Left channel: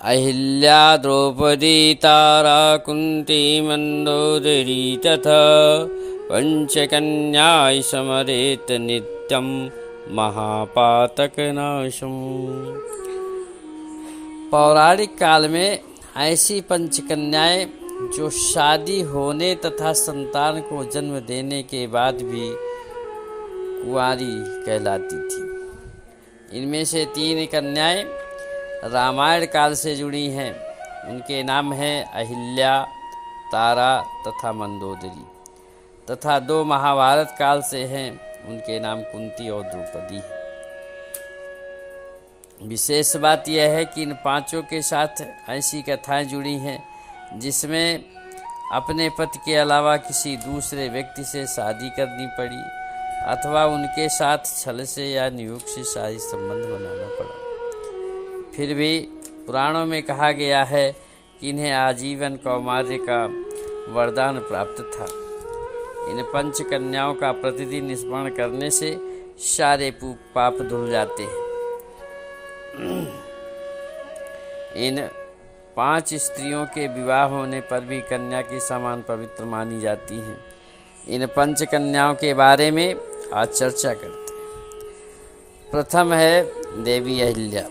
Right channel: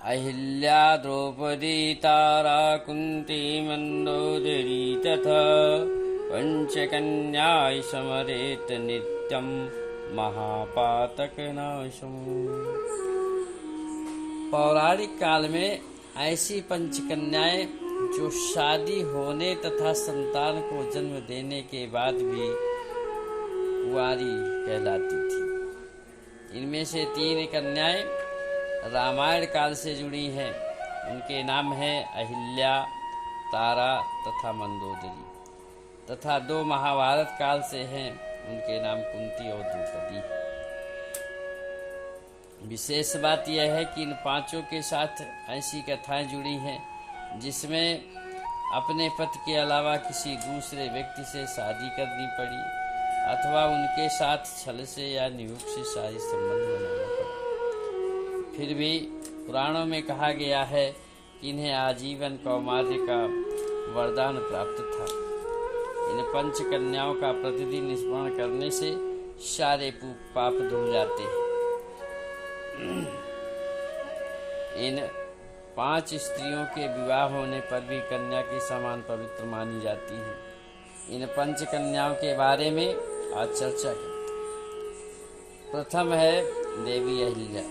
अहिल्या द्रौपदी तारा कुन्ती मन्दोदरी तथा पंचकन्याय समरेत नित्यं महापातकनाशम्। पौराणिक काल में ऐसी पंचकन्याएं जो शादी होने तथा संतान को जन्म देने के बाद भी कुंवारी कहलाती थी। इनमें से 3 कन्याएं रामायण काल से जुड़ी हैं। उनके नाम हैं अहिल्या, तारा तथा मंदोदरी, तथा 2 महाभारत काल से हैं। उनके नाम कुंती और द्रौपदी हैं। विशेष बात यह है कि इन 5 के साथ ऐसी कथाएं जुड़ी हैं जिसमें अपने पति के अलावा किसी दूसरे व्यक्ति से शादी करनी पड़ी अथवा उनके साथ छल से या नियोग से शादी संबंध बनाना पड़ा। फिर भी पुराणों में कहा गया है कि इन्हें आजीवन कौमार्य का वरदान प्राप्त था। इन 5 कन्याओं का प्रतिदिन स्मरण करने से सारे पाप धुल जाते हैं। इन 5 स्त्रियों के विवाह होने पर भी कन्या के समान पवित्र मानी जाती हैं। इन 5 कन्याओं के बारे में आज चर्चा करते हैं। प्रथम है देवी अहिल्या।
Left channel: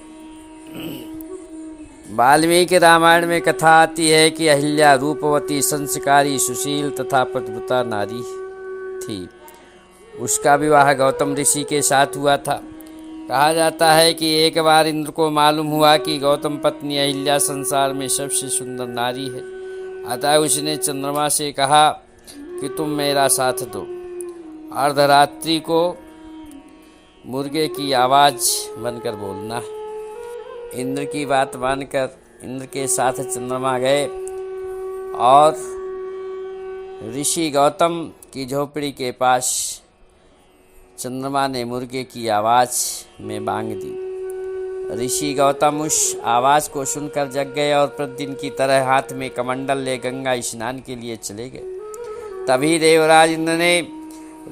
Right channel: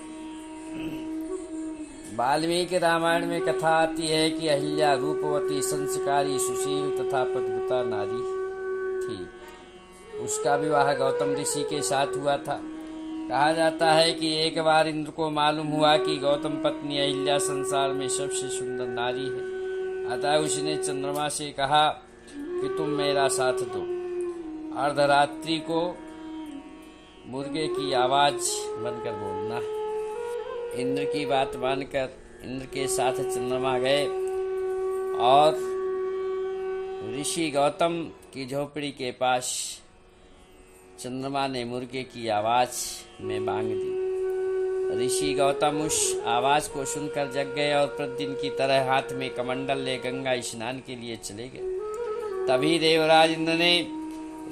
वाल्मीकि रामायण में कथा आती है कि अहिल्या रूपवती, संस्कारी, सुशील तथा पतिव्रता नारी थी। उसका विवाह गौतम ऋषि के साथ हुआ था। कहा जाता है कि एक बार इंद्र को मालूम हुआ कि गौतम पत्नी अहिल्या संसार में सबसे सुंदर नारी है। अतः उसने चंद्रमा से कहा कि तुम मेरा साथ दो। अर्धरात्रि को मुर्गे की आवाज़ बनकर बोलना। इंद्र की बात मानकर इंद्र के साथ चंद्रमा गए और ऋषि गौतम की झोपड़ी के पास चंद्रमा ने मुर्गे की आवाज़ में बांग दी। ऋषि गौतम उस आवाज़ को सुनकर जग गए और प्रतिदिन की तरह हाथ में कमंडल ले गंगा स्नान के लिए चले गए। तभी देवराज इंद्र ने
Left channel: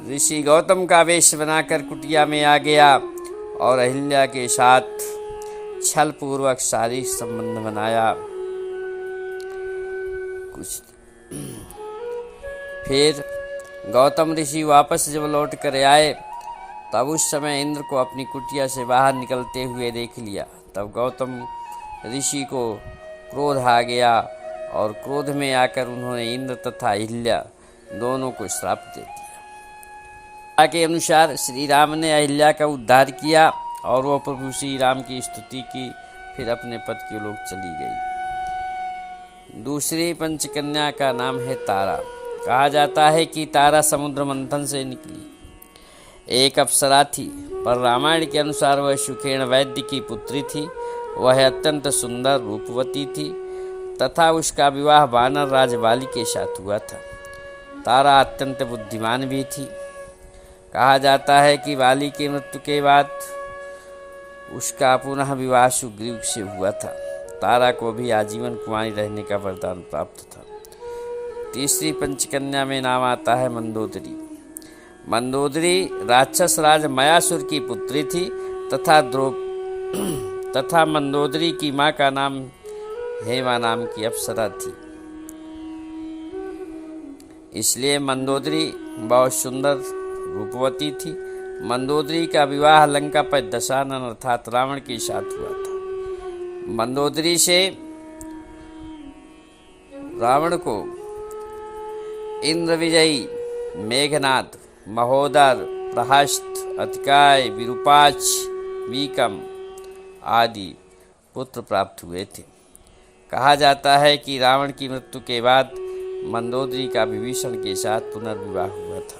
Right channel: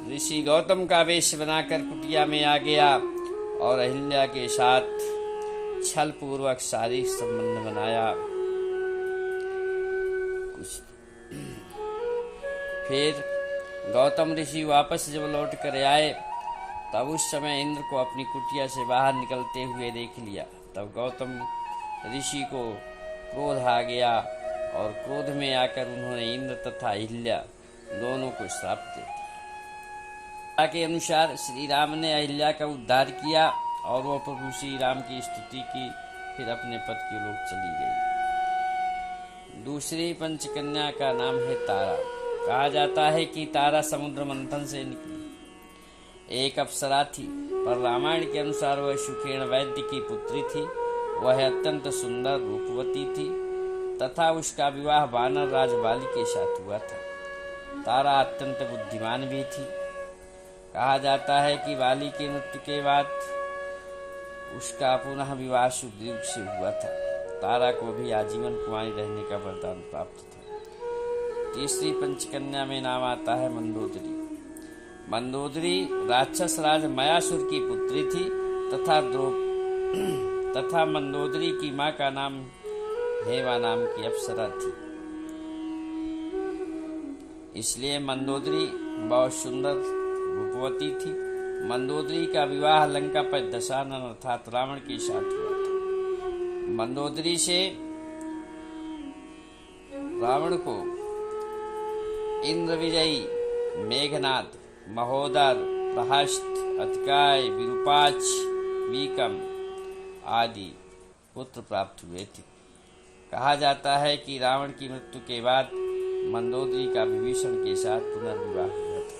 ऋषि गौतम का वेश बनाकर कुटिया में आ गया और अहिल्या के साथ छल पूर्वक शारीरिक संबंध बनाया। फिर गौतम ऋषि वापस जब लौट कर आए तब उस समय इंद्र को अपनी कुटिया से बाहर निकलते हुए देख लिया। तब गौतम ऋषि को क्रोध आ गया और क्रोध में आकर उन्होंने इंद्र तथा अहिल्या दोनों को श्राप दे दिया। के अनुसार श्री राम ने अहिल्या का उद्धार किया और वो प्रभु श्री राम की स्तुति की। फिर अपने पद के लोग चली गई। दूसरी पंचकन्या का नाम है तारा। कहा जाता है कि तारा समुद्र मंथन से निकली एक अप्सरा थी, पर रामायण के अनुसार वह सुखेण वैद्य की पुत्री थी। वह अत्यंत सुंदर रूपवती थी तथा उसका विवाह वानर राज बाली के साथ हुआ था। तारा अत्यंत बुद्धिमान भी थी। कहा जाता है कि बाली की मृत्यु के बाद उसका पुनः विवाह सुग्रीव से हुआ था। तारा को भी आजीवन कुंवारी रहने का वरदान प्राप्त था। तीसरी पंचकन्या में नाम आता है मंदोदरी। मंदोदरी राक्षस राज मयासुर की पुत्री थी तथा मंदोदरी की मां का नाम हेमा नाम की अप्सरा थी। इसलिए मंदोदरी बहुत सुंदर रूपवती थी। मंदोदरी का विवाह लंका पर दशानन अर्थात रावण के साथ हुआ था। मंदोदरी से रावण को इंद्र विजयी, मेघनाद, महोदर, प्रहस्त, अतिकाय, विरूपाक्ष, वीकम आदि पुत्र प्राप्त हुए थे। कहा जाता है कि रावण की मृत्यु के बाद मंदोदरी का विभीषण के साथ पुनर्विवाह हुआ था।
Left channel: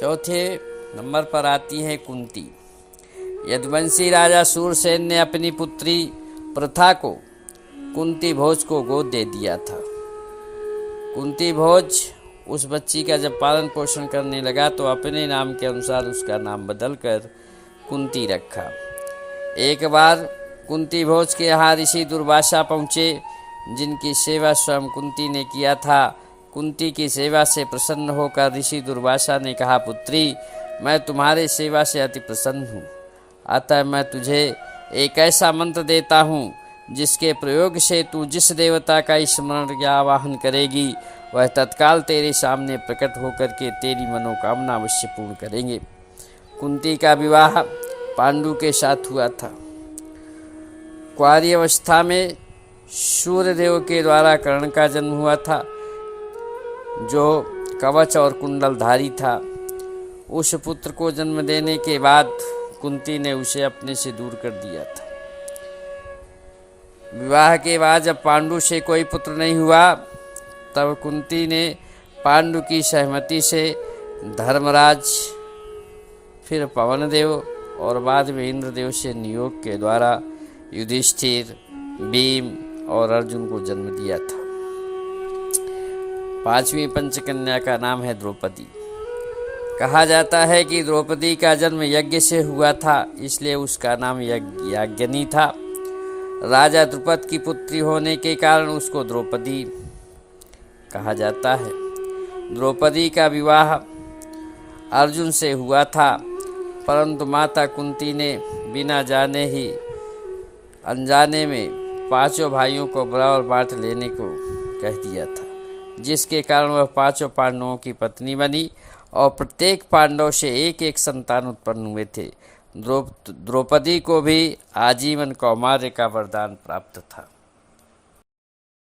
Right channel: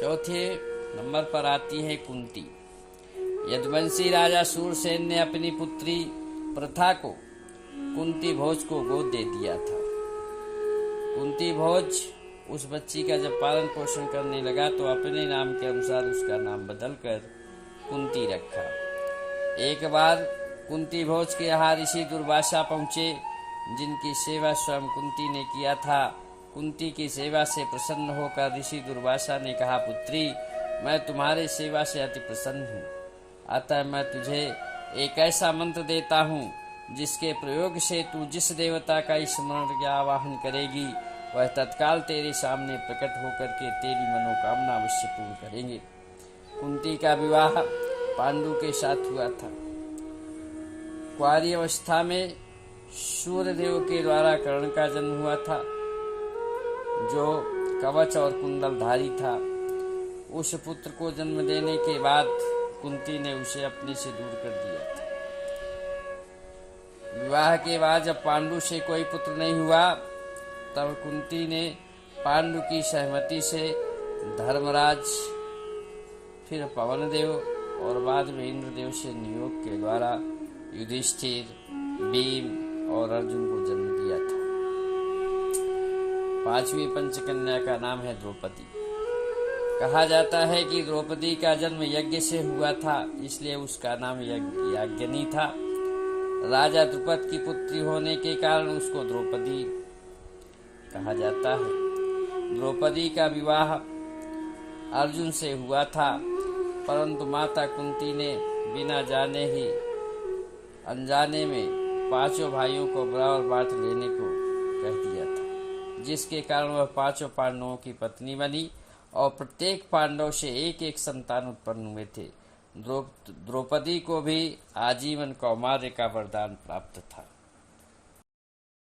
चौथे नंबर पर आती है कुंती। यदुवंशी राजा सूरसेन ने अपनी पुत्री प्रथा को कुंती भोज को गोद दे दिया था। कुंती भोज उस बच्ची का जब पालन पोषण करने लगा तो अपने नाम के अनुसार उसका नाम बदलकर कुंती रखा। एक बार कुंती भोज के यहाँ ऋषि दुर्वासा पहुँचे, जिनकी सेवा स्वयं कुंती ने किया था। कुंती की सेवा से प्रसन्न होकर ऋषि दुर्वासा ने कहा, पुत्री, मैं तुम्हारे सेवा से अति प्रसन्न हूँ, अतः मैं तुझे एक ऐसा मंत्र देता हूँ जिसके प्रयोग से तू जिस देवता का स्मरण या आवाहन करेगी वह तत्काल तेरे सामने प्रकट होकर के तेरी मनोकामना अवश्य पूर्ण करेंगे। कुंती का विवाह पांडु के साथ हुआ था। कुंवारी अवस्था में सूर्यदेव के द्वारा कर्ण का जन्म हुआ था, जो कवच और कुंडलधारी था। उस पुत्र को जन्म देने के बाद कुंती ने उसे अपने से दूर कर दिया था। विवाह के बाद जब पांडु से कोई पुत्र नहीं हुआ, तब कुंती ने पांडु की सहमति से धर्मराज, फिर पवनदेव और बाद में इंद्रदेव से नियोग के द्वारा युधिष्ठिर, भीम और अर्जुन को जन्म दिया था। 5वीं पंचकन्या का नाम है द्रौपदी। कहा जाता है कि द्रौपदी का जन्म यज्ञ से हुआ था, इसलिए उसका नाम याज्ञनी था। राजा द्रुपद की पुत्री होने के कारण उसको द्रौपदी कहा जाता है। द्रौपदी का विवाह अर्जुन से हुआ था, परंतु माता कुंती ने बिना जाने ही अनजाने में 5 भाइयों को बराबर बांट लेने को कह दिया था, जिसके कारण वह 5 पांडवों की पत्नी बनी और प्रत्येक पांडव से एक एक संतान उत्पन्न हुए थे। द्रौपदी को भी आजीवन कौमार्य का वरदान प्राप्त था।